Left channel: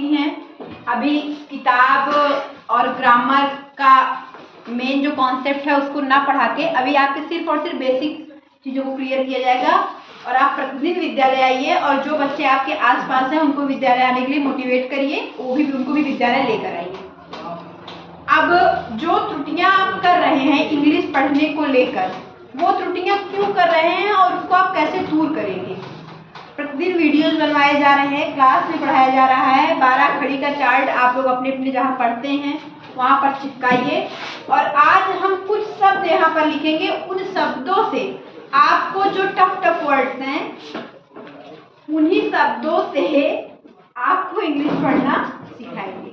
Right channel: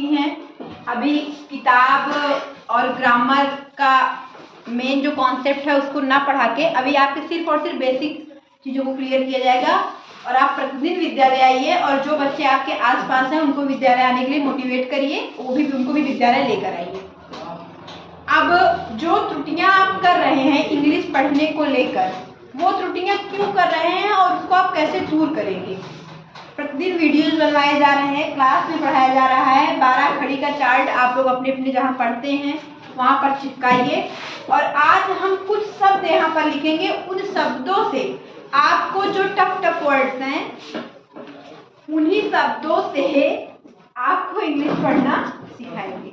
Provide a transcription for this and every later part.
चुकी हैं। अभी किताब और ग्रामर का मेन जो कॉन्सेप्ट है उसको ना पढ़ा के अभी आपके सिर्फ और सिर्फ बेसिक चीज़ों को क्लियर किया जाएगा और आप प्रतिदिन विद्यालय आइए और जो बच्चे आपके आसपास हैं उनको विद्यालय आने के लिए मोटिवेट करिए, उनको भी विद्यालय लेकर आइए। अब जो त्रुटियां आप कर रहे हैं इंग्लिश पढ़ने को लेकर, वो त्रुटियां क्यों कर रहे हैं और उसको आप कैसे दूर करेंगे। प्रतिदिन वीडियोज बनवाए जा रहे हैं, क्लास में पढ़ाया जा रहा है। 12 खड़ी का चार्ट आप लोग अपने अपने जहाँ पढ़ते हैं वहाँ पर चिपकाइए और आज हम कुछ शब्द यहाँ पर लिखेंगे। उन शब्दों से आपको जो टफ वर्ड्स हैं उन्हीं शब्दों से आपको इंग्लिश पढ़ना सिखाएंगे।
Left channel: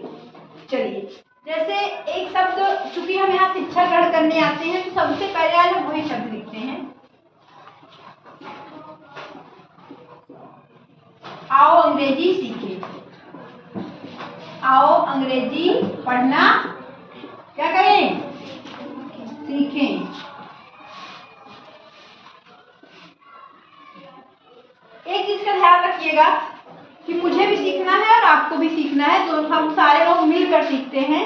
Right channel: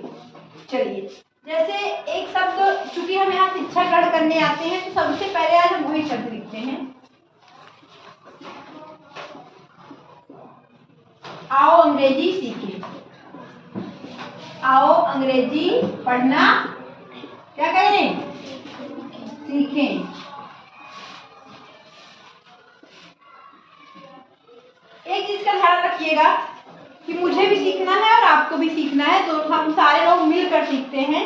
चलिए, जैसे एक शब्द, चूंकि हम यहाँ शिक्षा ग्रहण करने आते हैं तो सबसे पहले आज हम वही शब्द लिखते हैं। आओ अंग्रेजी सीखें। आओ अंग्रेजी पढ़ना क्या करें, सीखें। एक चीज का ध्यान रखिएगा कि मुझे भी सीखना है और आपको भी सीखना है, तो हम सारे लोग मिलकर सीखते हैं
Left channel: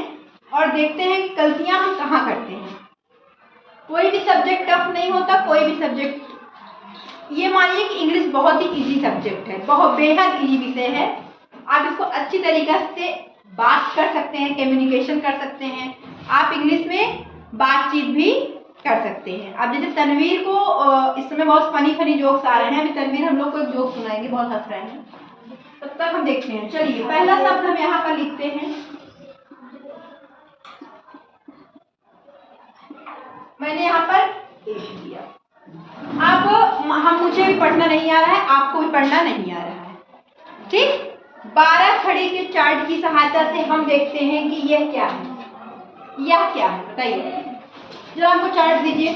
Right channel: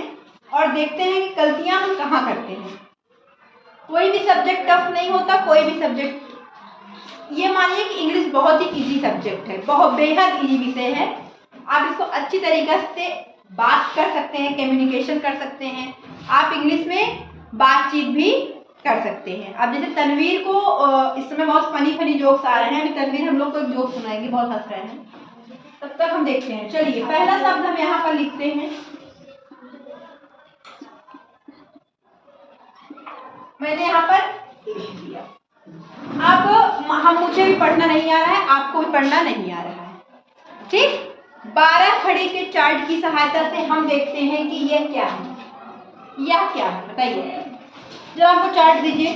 और देखते हैं कि गलतियां हम कहाँ करते हैं। कोई भी सब्जेक्ट टफ नहीं होता, कोई भी सब्जेक्ट, ये मानिए कि इंग्लिश बहुत ही इजी सब्जेक्ट है, बहुत बेहद इजी विषय है। आप इसको अच्छी तरीके से बात कर सकते हैं, कम्युनिकेशन कर सकते हैं, आप इंग्लिश में बातचीत भी कर सकते हैं। अब जैसे तनवीर को इस समय बहुत फनी जोक्स आ रहे हैं, अभी तनवीर हम लोग को एक जोक सुनाएंगे, बहुत हंस रहे हैं, तब तक हम देखते हैं। चलिए, पहला शब्द हम यहाँ पर लिखते हैं। मैंने यहाँ पर लिख दिया। अब मुझे भी पढ़ना नहीं आ रहा है, आपको भी पढ़ना नहीं आ रहा है, ठीक। 12 खड़ी के चार्ट की सहायता से हम देखते हैं कि यह क्या है, यह क्या है, बताइए। जब आपको चार्ट दीजिए,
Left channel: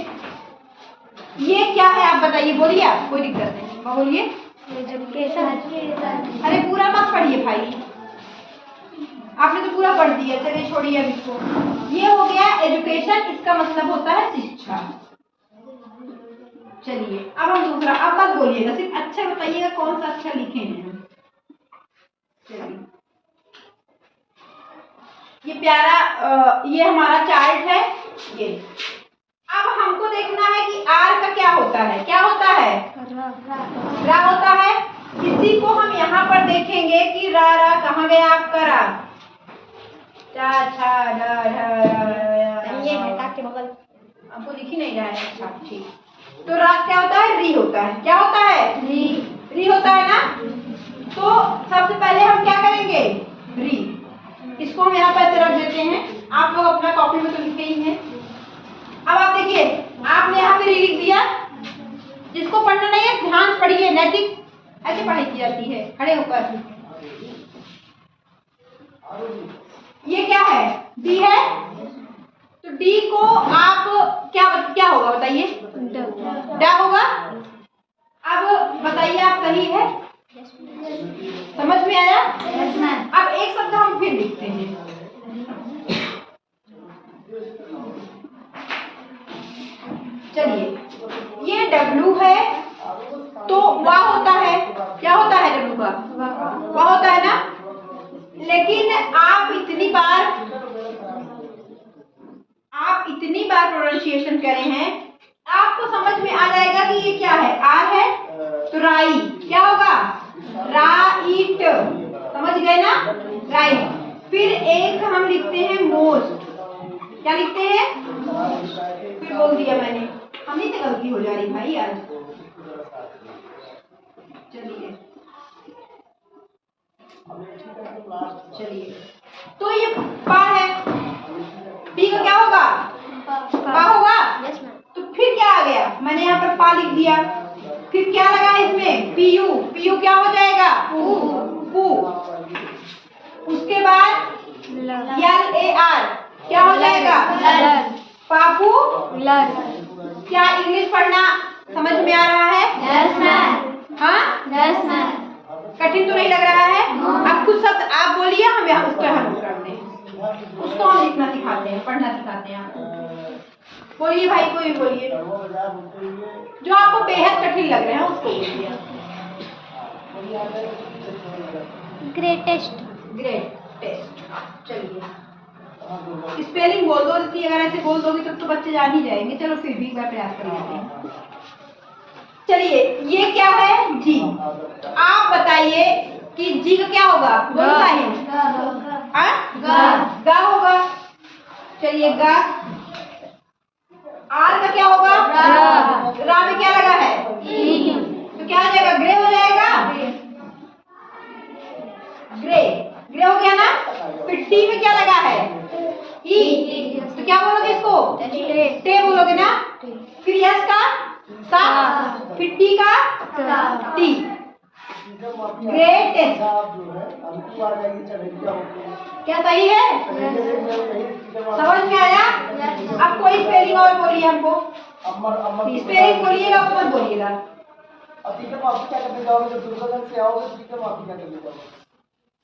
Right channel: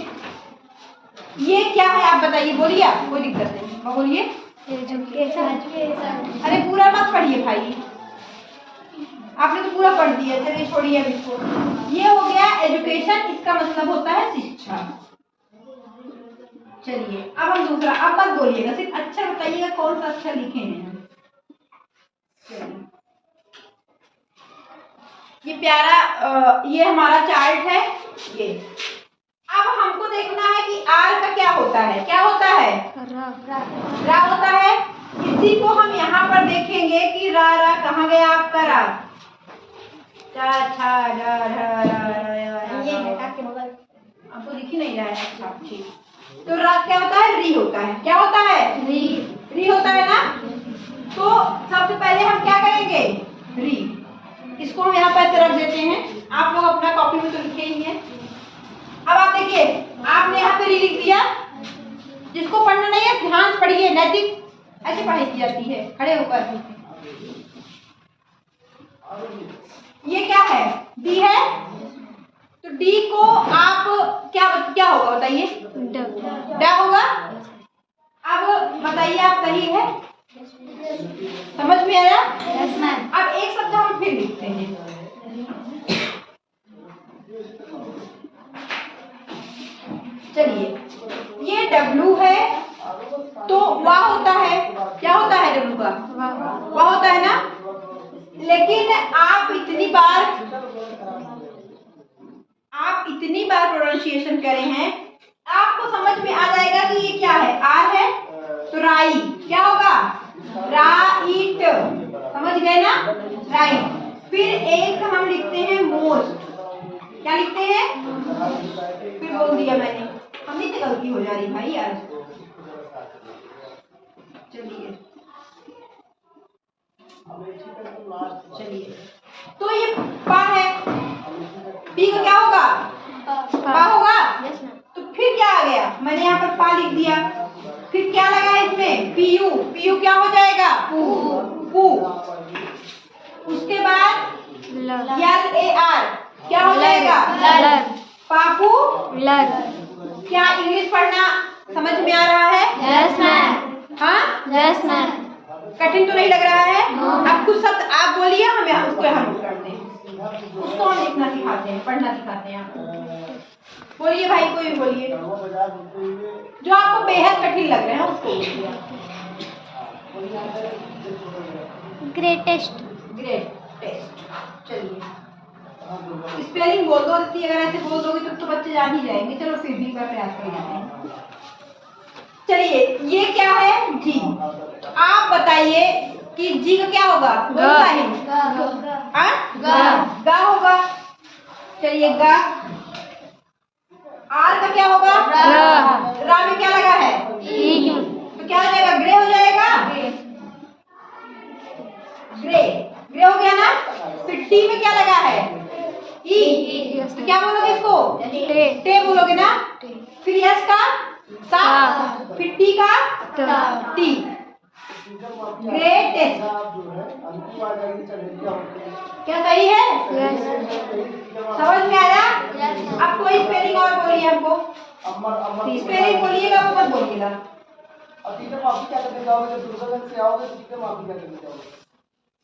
ये क्या है आप बताइए, बोलिए आप, कोई दिक्कत नहीं, बोलिए। अरे पूरा मत पढ़िए भाई, आपने तो पूरा पढ़ दिया, चलिए छोड़िए अब इसको। ये हो गया एजुकेशन, इसका मतलब होता है शिक्षा। चलिए, अब हम दूसरा, अब मत बोलिएगा, सिर्फ अक्षर बताइएगा कौन सा अक्षर लिखे हैं हम। चलिए, ये प्यारा ये हमारा चार्ट है। ये अब हमको देखना है कि आर का क्या होता है, क्या होता है, रा होता है। इसी को हम यहाँ पर देखेंगे कि रा कहाँ गया आपका रा, चा छा रा रा आपको दिख ही नहीं रहा है, अच्छा ठीक। तो रा क्या होता है, री होता है, क्या होता है, री होता है ना। तो सबसे पहले हम क्या करेंगे, री, इसको हम यहाँ पर रख देते हैं। आप लोग अपना कॉपी में तो लिखे ही हैं। अब आप देखिए, आपने यहाँ पे री लिख दिया। जिसको पढ़ना नहीं है ध्यान से पढ़िए, नैतिक ऐसे पढ़ाई की जाती है, खड़े होकर। ये क्या है, डी है, तो डी को आप क्या होगा बताइए, डा होगा। अब बताइए आप सही है, समझ में आया। अब एक शब्द हम फिर लिखते हैं। चलिए, ये डब्लू है, तो वाह होता है, क्या होता है डब्लू का, वाह होता है ना। लेकिन आप इतनी बार प्रोनाउंसिएशन करे हैं, आपको समझ में आ जाएगा कि ये क्या है, आर है तो राई, क्या होगा, राइट, समझ गए ना, राइट। फिर एक हम लिखते हैं मोस्ट, क्या लिखते हैं, फिर बोल दिया मैंने, हमें से गलती हो जा रही भाई यार। चलिए, तो ये पा है, पी का क्या होगा, पा होगा। तो फिर क्या आ गया, मैंने यहाँ पर पा लिख दिया, फिर क्या लगा इसमें, पीयू, पीयू क्या हो जाएगा, पू। उसके बाद LAR क्या हो जाएगा, पापू, लर। क्या इंग्लिश पढ़ना समझ में आ रहा है, यस मैम, हाँ यस मैम, कठिन तो नहीं लग रहा है। अब कुछ शब्द आप बोलिए, हम उसको यहाँ नोट करते हैं, उसको हम लिखना सिखाते हैं, पढ़ना सिखाते हैं आपको। बोलिए भाई, कोई भी बोलिए, जो आपको बेहद कठिन लग रहे हैं उसको बोलिए। Greatest, great test. चलिए स्पेलिंग बोल दो इतनी, अगर ऐसे बोल दोगे तो बच्चे जान ही जाएंगे। चलो फिर भी मैं प्रयास कर लेते हैं। चलिए ये क्या है? जी। आप बताइए कि जी का क्या होगा? बोलो साहिल। गा होगा। चलिए गा। आर का क्या होगा? रा में क्या लगा है? तो क्या हो जाएगा? ग्रे हो जाएगा। ग्रे, ग्रे हो गया ना। फिर टी में क्या लगा है? ई। तो क्या बोलोगे इसको? टे बोलोगे ना। फिर यस का सा, फिर टी का टी। ग्रेटेस्ट। क्या सही है? समझ में आया? अब कोई स्पेलिंग और बोलिए हमको। स्पेलिंग बोलिएगा वो मत बोलिएगा।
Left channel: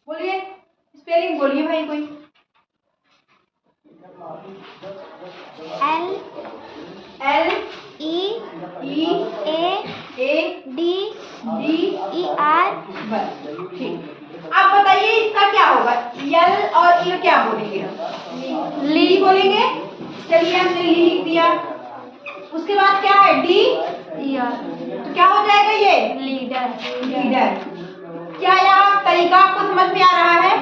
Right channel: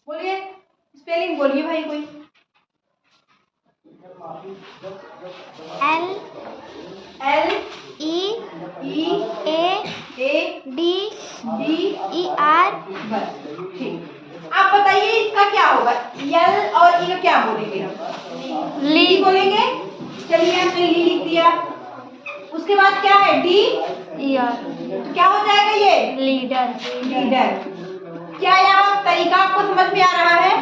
बोलिए स्पेलिंग बोलिए भाई कोई। L L E E A A D D E R। बस ठीक। आप बताइए इसका क्या होगा? यल और ई क्या बोलेंगे हम? ली बोलेंगे। चलिए हमने ली लिख दिया। उसके बाद क्या है? डी तो क्या हो जाएगा ये? लीडर। लीडर। क्या यहाँ तरीका आपको समझ में आ रहा है?